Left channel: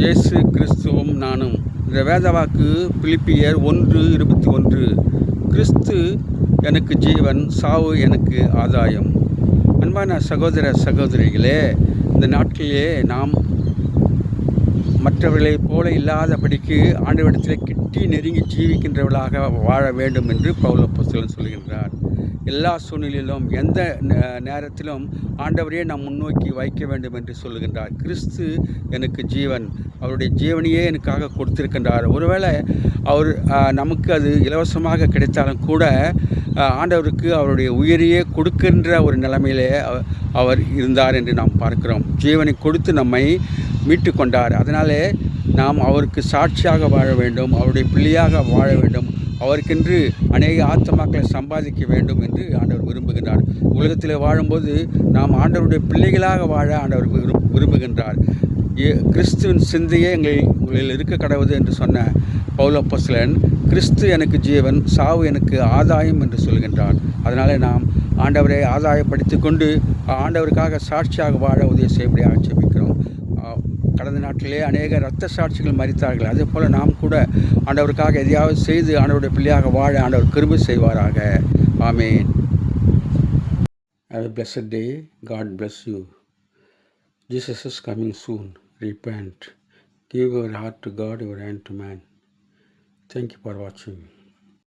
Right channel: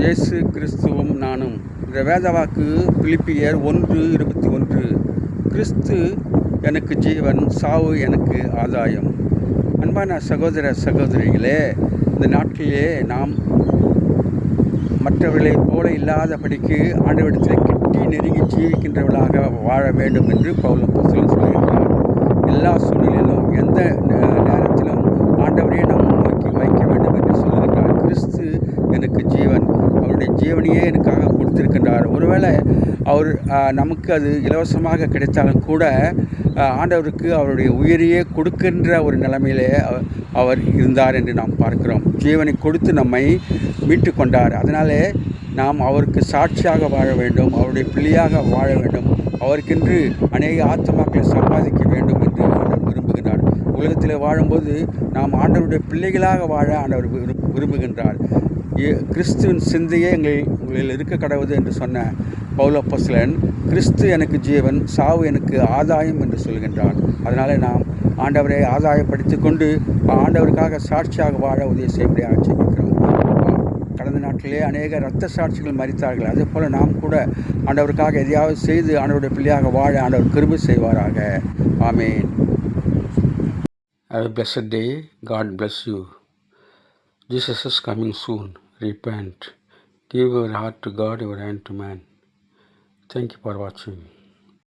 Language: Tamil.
இயேசு கிறிஸ்துவும் நானும். இந்த வேதவாக்கு பிலிப்பியர் 1:21. கிறிஸ்து எனக்கு ஜீவன், சாவு எனக்கு ஆதாயம். அன்பான சகோதர சகோதரிகளே, இந்த நாட்களிலே நாம் மற்றவர்களைப் போல இல்லாதபடிக்கு ஆண்டவரிடத்திலே கிட்டி நெருங்கி ஜீவிக்கின்றவர்களாக வாழ வேண்டும் என்று பவுல் அப்போஸ்தலன் சொல்கின்றார். எல்லா சூழ்நிலையிலும் எந்த நேரத்திலும் ஆண்டவரையே நாம் முன்னோக்கி வைக்க வேண்டும் என்று சொல்லுகின்றார். கிறிஸ்து எனக்கு ஜீவன், அவருடைய ஜீவனையே எனக்காக கொடுத்திருக்கின்றார். ஒருவேளை அவர் நமக்கு அது இலவசமாக கிடைத்தாலும் கூட ஆண்டவருக்கு அவருடைய உயிரையே கொடுக்கின்ற ஒரு நிலைமையிலே அவர் இருந்தார் என்று நாம் பார்க்கிறோம். ஜீவனை கொடுத்து நம்மை மீட்டு கொண்டார். அதனாலே நாம் அவருக்கு சாட்சியாக வாழ வேண்டும், அவருடைய பிள்ளையாக வாழ வேண்டும், அவருக்கென்று அநேக ஆத்மாக்களை சம்பாதிக்க வேண்டும் என்று ஆண்டவர் விரும்புகின்றார். உலகத்தில் வாழும்போது நாம் ஆண்டவருடைய பிள்ளைகளாக வாழ ஆண்டவர் விரும்புகின்றார். கிறிஸ்துவின் சிந்தையே உங்களில் இருக்க கடவுது என்று சொன்ன பவுல் அப்போஸ்தலன், கிறிஸ்து எனக்கு ஜீவன், சாவு எனக்கு ஆதாயம் என்று சொல்கின்றார். அதனால் நாம் ஆண்டவரை ஆதாயப்படுத்தி கொண்டு ஆண்டவருக்காக சாட்சியாக வாழ உதவி செய்யப்படியாக ஜெபிக்கிறோம். கடந்த நாட்டிலே அநேக இரத்த சாட்சிகள் மரித்தார்கள். அதே போல் நாம் கூட ஆண்டவருக்காக எதையாவது செய்து ஆண்டவருடைய பிள்ளையாக வாழ ஆண்டவர் கிருபை செய்வாராக. ஆமேன். Have a blessed day. God bless you. Jesus is coming soon. Repent. Give your heart to God, your hand to man. Thank you for watching.